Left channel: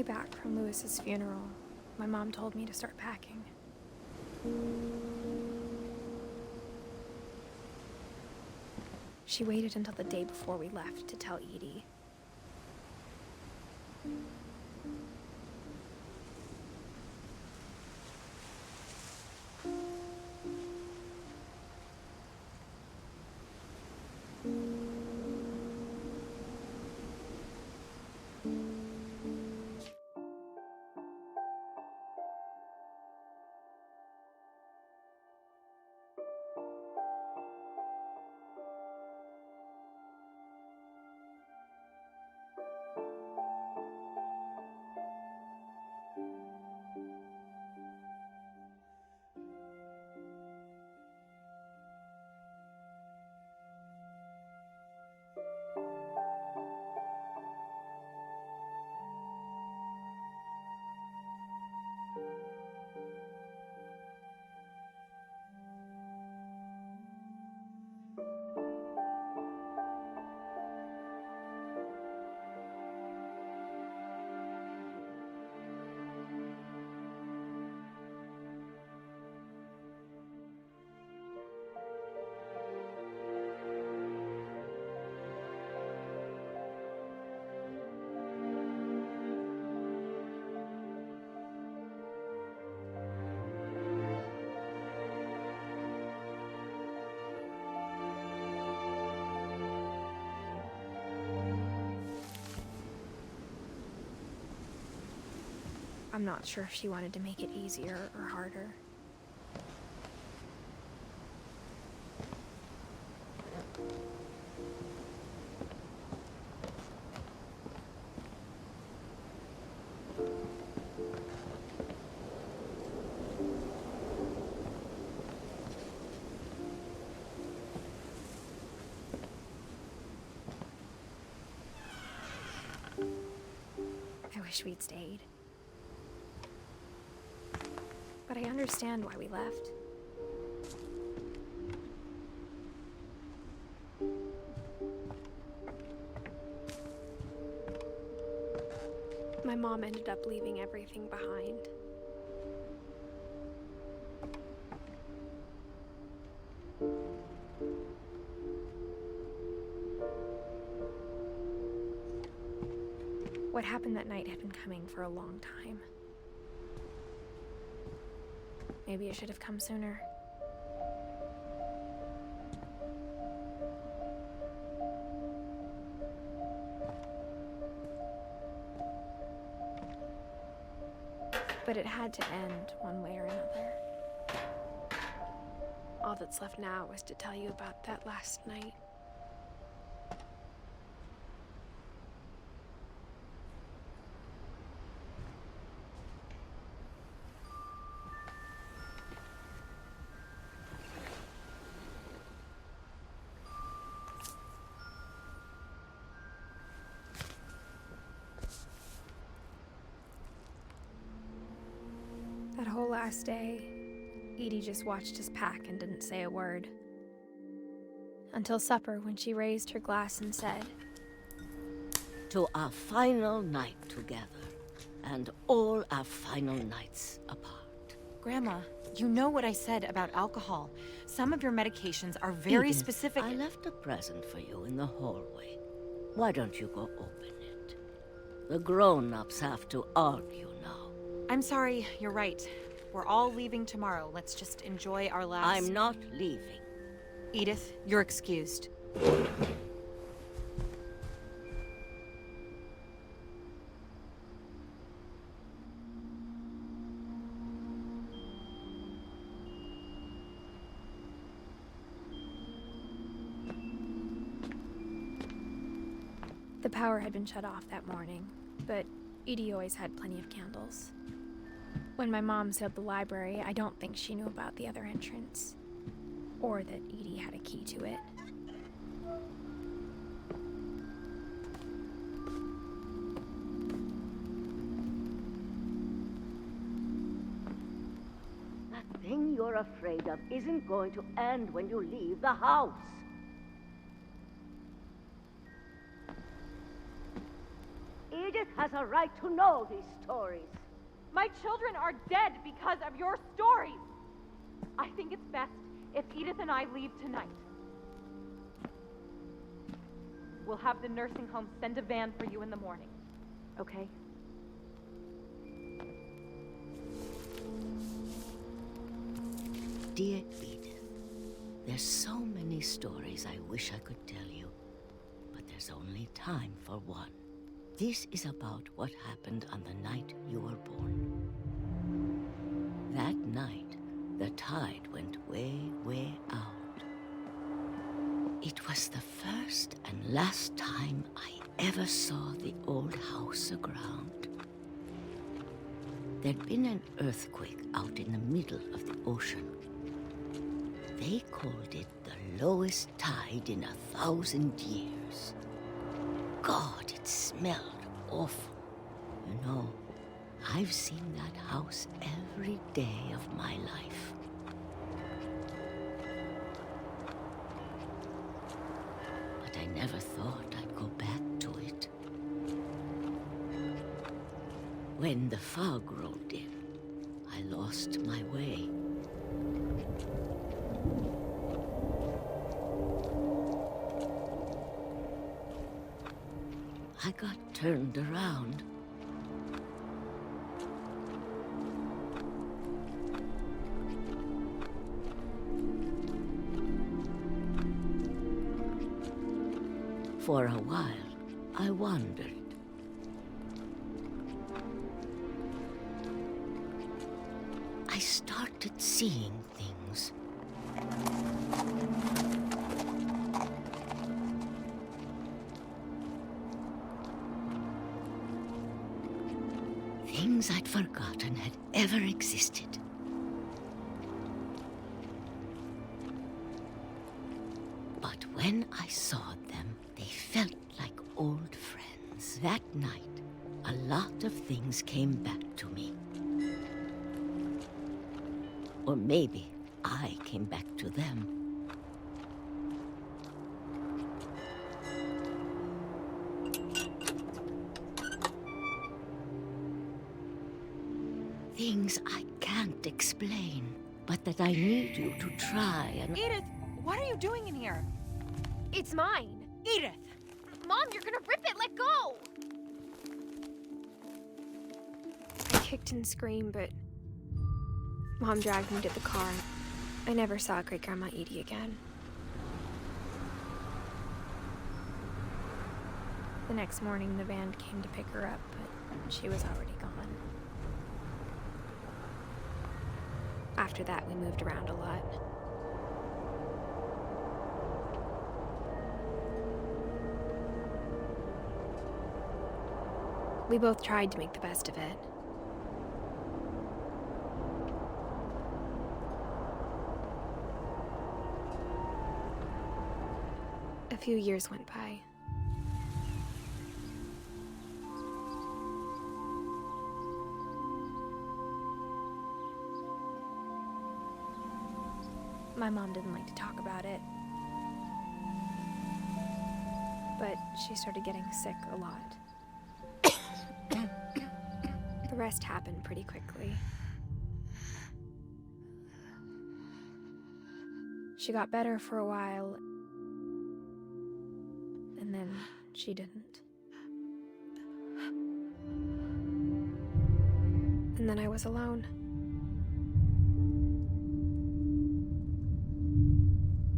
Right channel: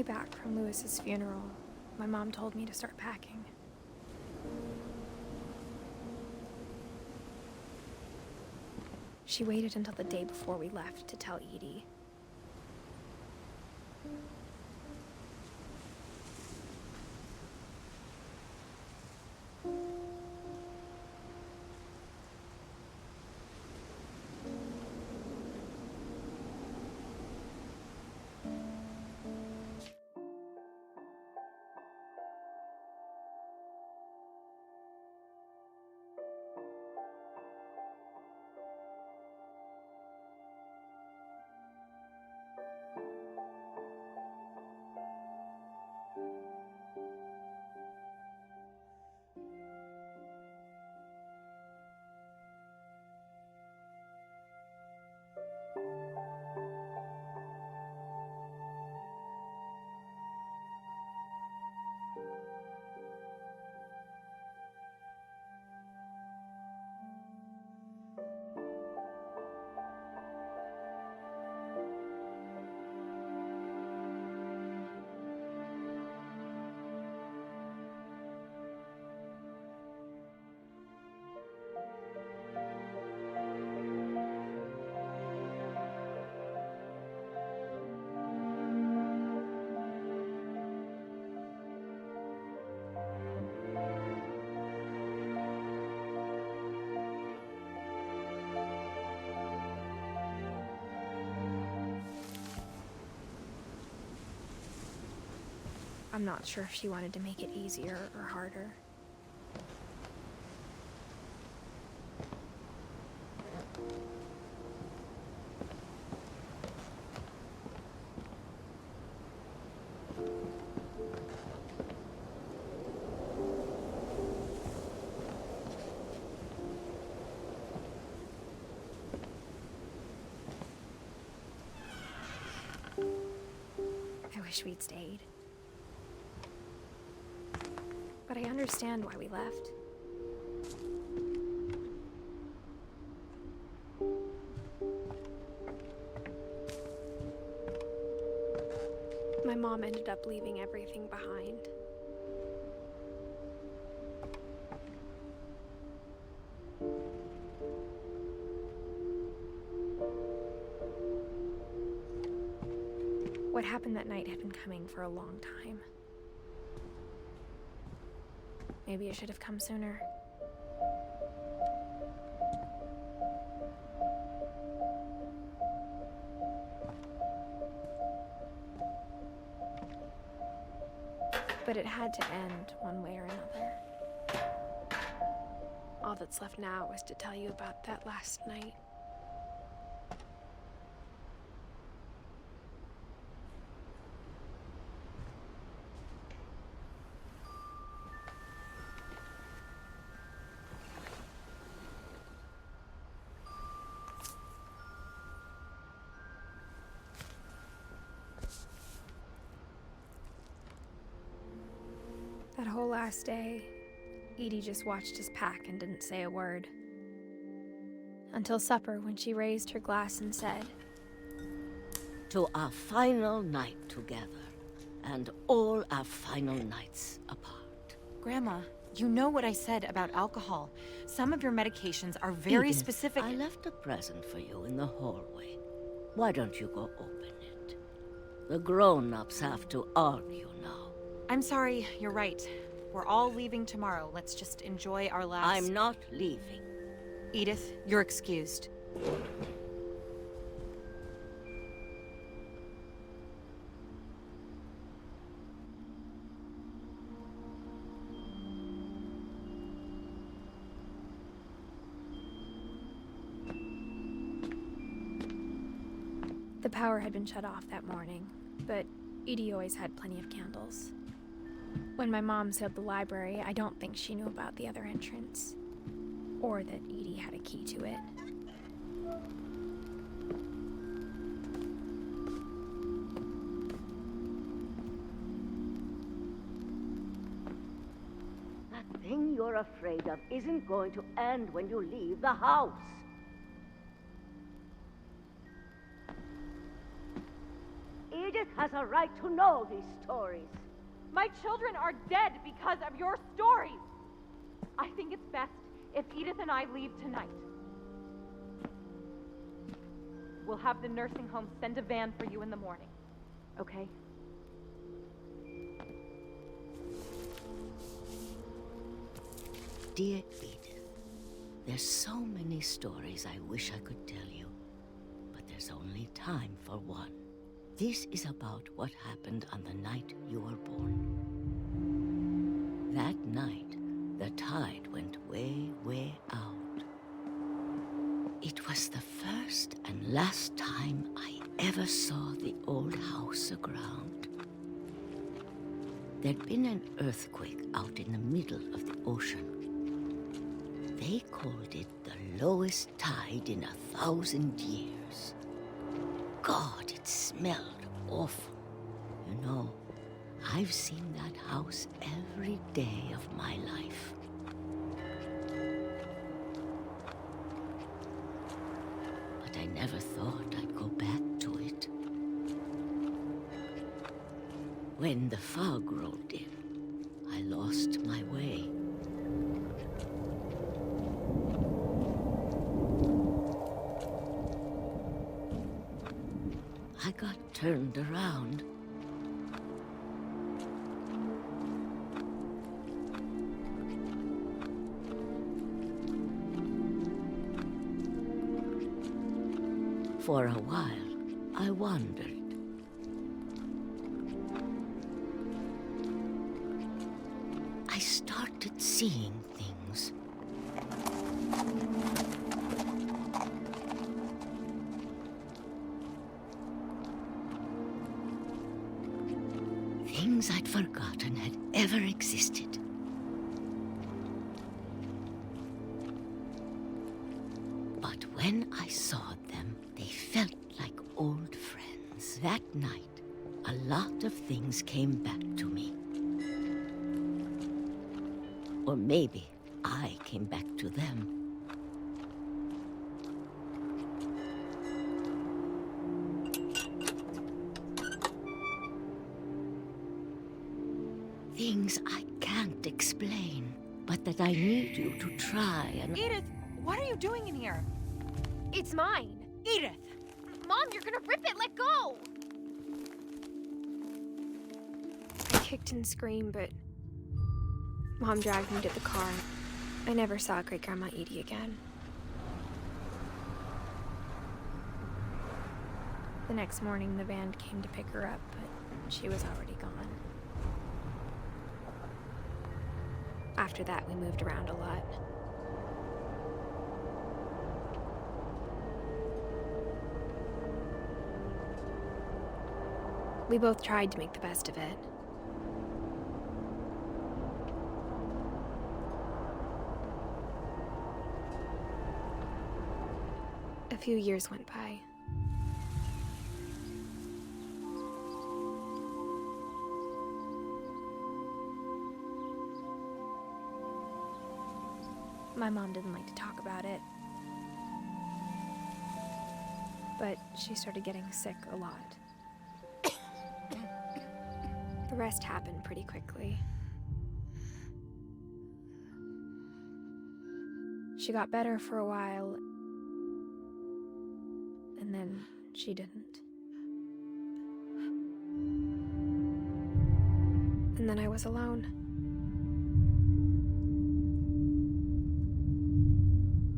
way back from Lewis's funeral, my mom told me to start packing. She waited until the day before we left to tell Edie. I'm not sure if she wanted to make it easier or harder. I wish we'd stayed. But I understand why we left. My mom ended up leaving everything behind. What happened that night had been coming for a long time. Maybe it should have come sooner. But it had to end one way or another. All that's left now is to tell you about that last night. That whole last day, Edie just watched us pack and didn't say a word. Until supper, when she raised her glass and said, "To our final night together, and all our final nights apart." Grandma, you know what I said about alcohol. Some of your medications are very Edith, specific. I left a present for you in the hallway. Why don't you go open it? The grown-ups have to argue now. I'm sorry, you're right. We're all leaving tomorrow. Let's just enjoy our last... I'm not leaving. Edith, you're excused. the power had been shut off that morning, but Edie always had plenty of candles. When my mom sealed the library, I don't think she knew about the other entrance, or that Edie had a key to it. That thing you're afraid of isn't going to end when you leave the house. Edith has a right to know these stories. My children are dead because of your stories. I think it's best if Edith and I leave tonight. We'll have the nursing home send a van for you in the morning, okay? Dear Edith, there's so many stories I wish I could tell you, but there's only time for one. This is about what happened on the night you were born. That night, the tide went way, way out. It was the first and last time I ever saw the old house aground. There'd been an earthquake out in the middle of the ocean. They called it the lowest tide in 1,000 years. God, it smelled awful. You know, I've seen that house every day of my life. But I never thought I'd go back to it. When the fog rolled in, I lost my way. I got turned around. For a while, I wandered. I started seeing things. Things I'd forgotten had ever existed. But when I saw them, they felt like old friends. That night, a lot of things came back to me. Or maybe I came back to them. Things I can't explain, but that I need you to try and... Edith, what are you doing in here? It's mine. Edith! Mom, you're gonna rip it! Let go! I kicked and screamed, but Mom dragged me to the car. I never saw Great-Grandma Edie again. The next morning, the van came to pick her up, but she was already gone. After that, we moved around a lot. We both tried to make the best of it. A few years went by. My mom didn't like to talk about it, but she started getting sick a lot. The rest happened pretty quickly. She got better for a while, and then she didn't. And then I was alone.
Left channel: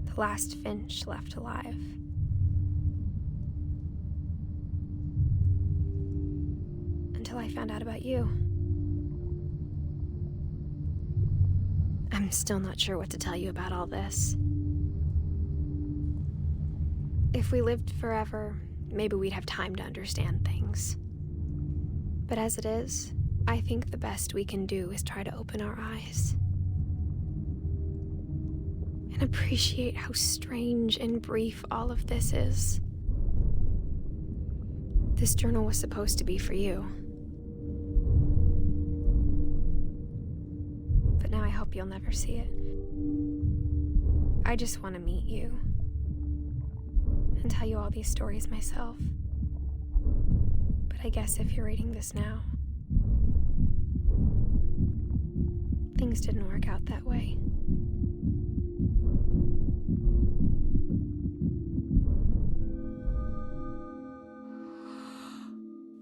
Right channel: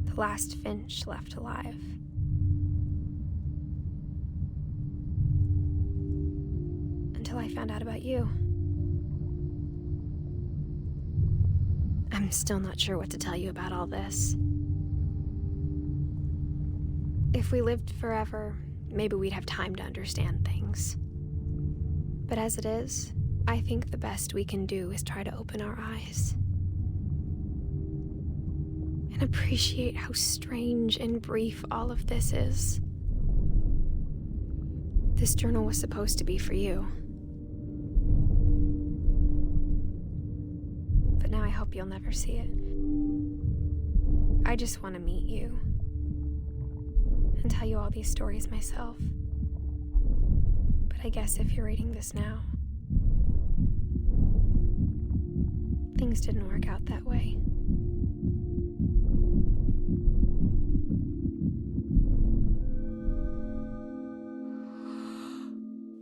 The last Finch left alive. Until I found out about you. I'm still not sure what to tell you about all this. If we lived forever, maybe we'd have time to understand things. But as it is, I think the best we can do is try to open our eyes. And appreciate how strange and brief all of this is. This journal was supposed to be for you. But now I hope you'll never see it. I just want to meet you. And tell you all these stories myself. But I guess if you're reading this now, things didn't work out that way.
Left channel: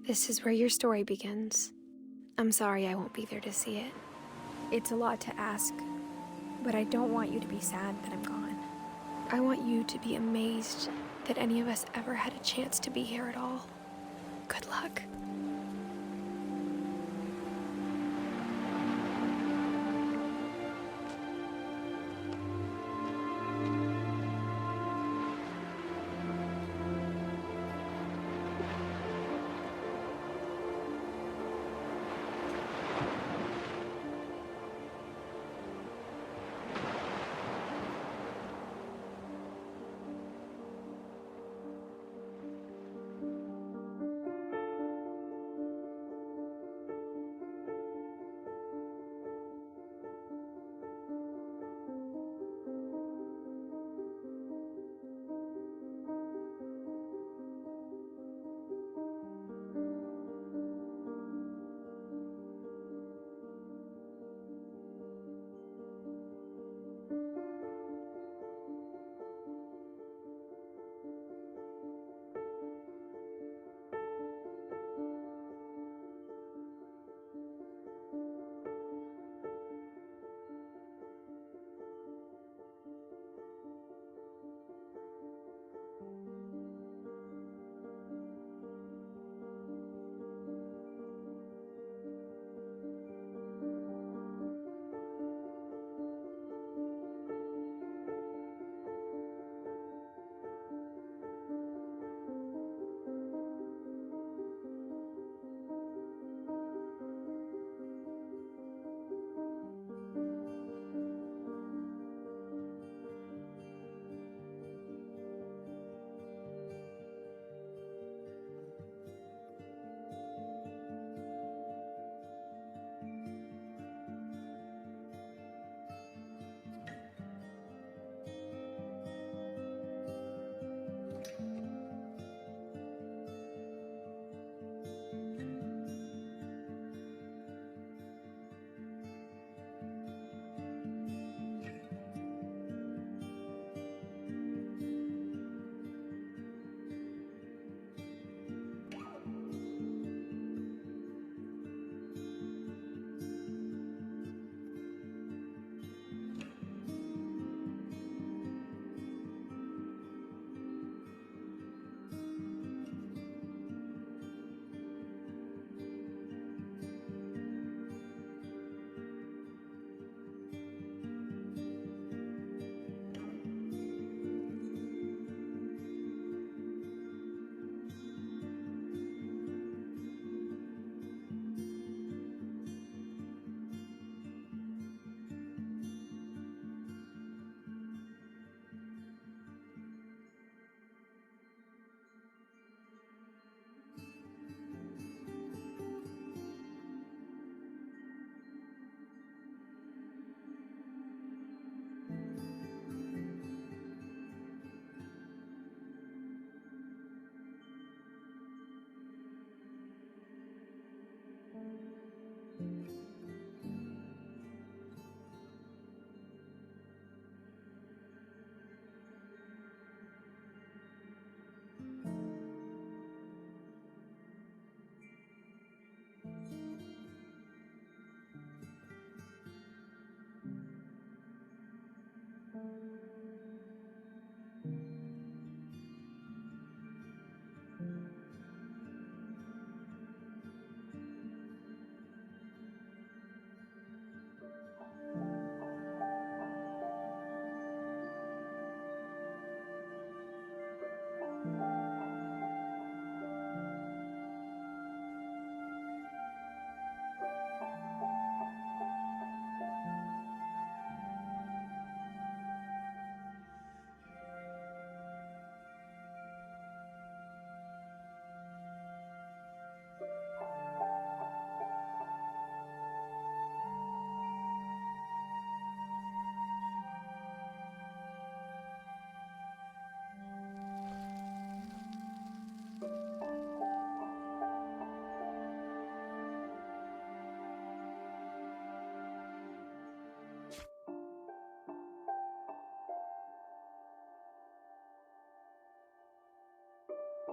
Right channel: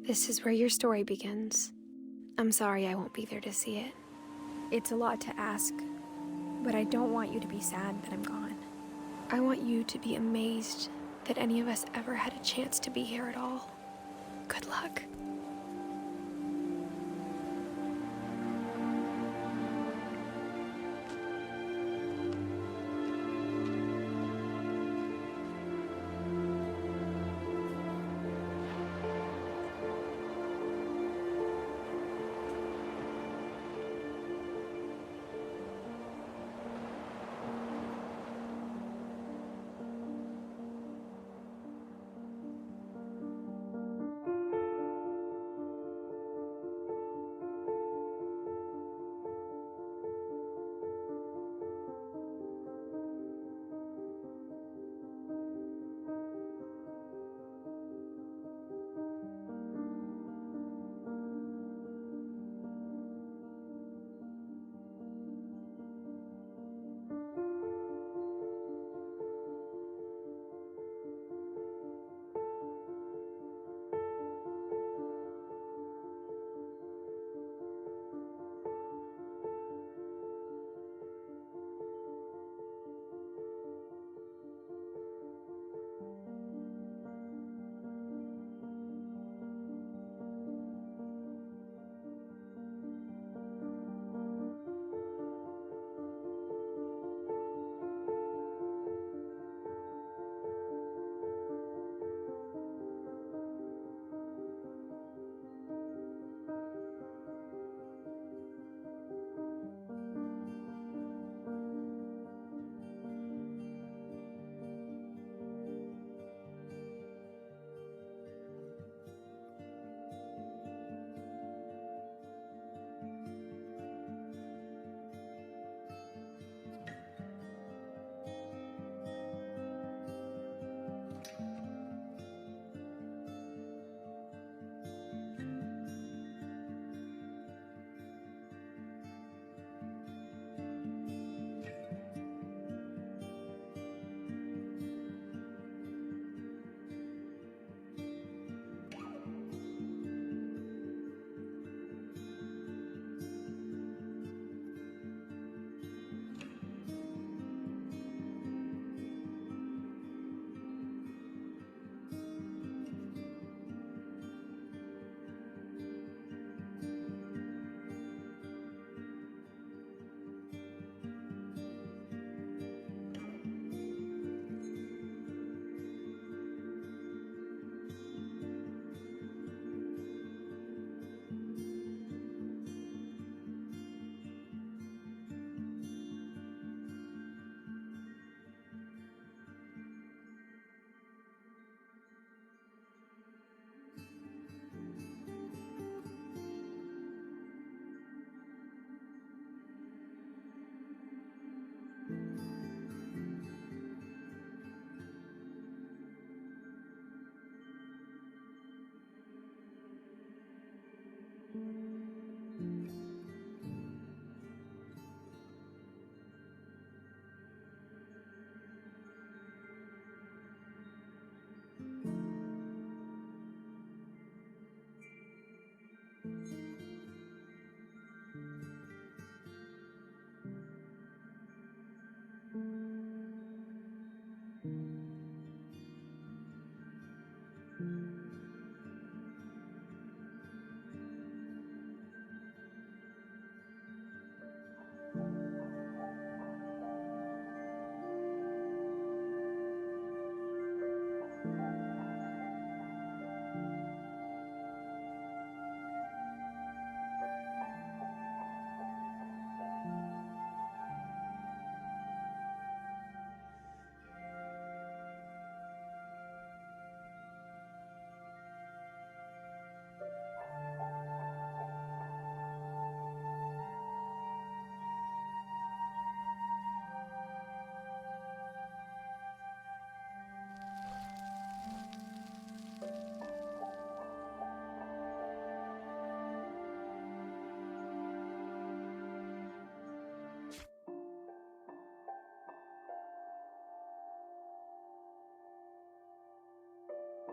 This is where your story begins. I'm sorry I won't be there to see it. It's a lot to ask, but I don't want you to be sad that I'm gone. I want you to be amazed that any of us ever had a chance to be here at all. Good luck.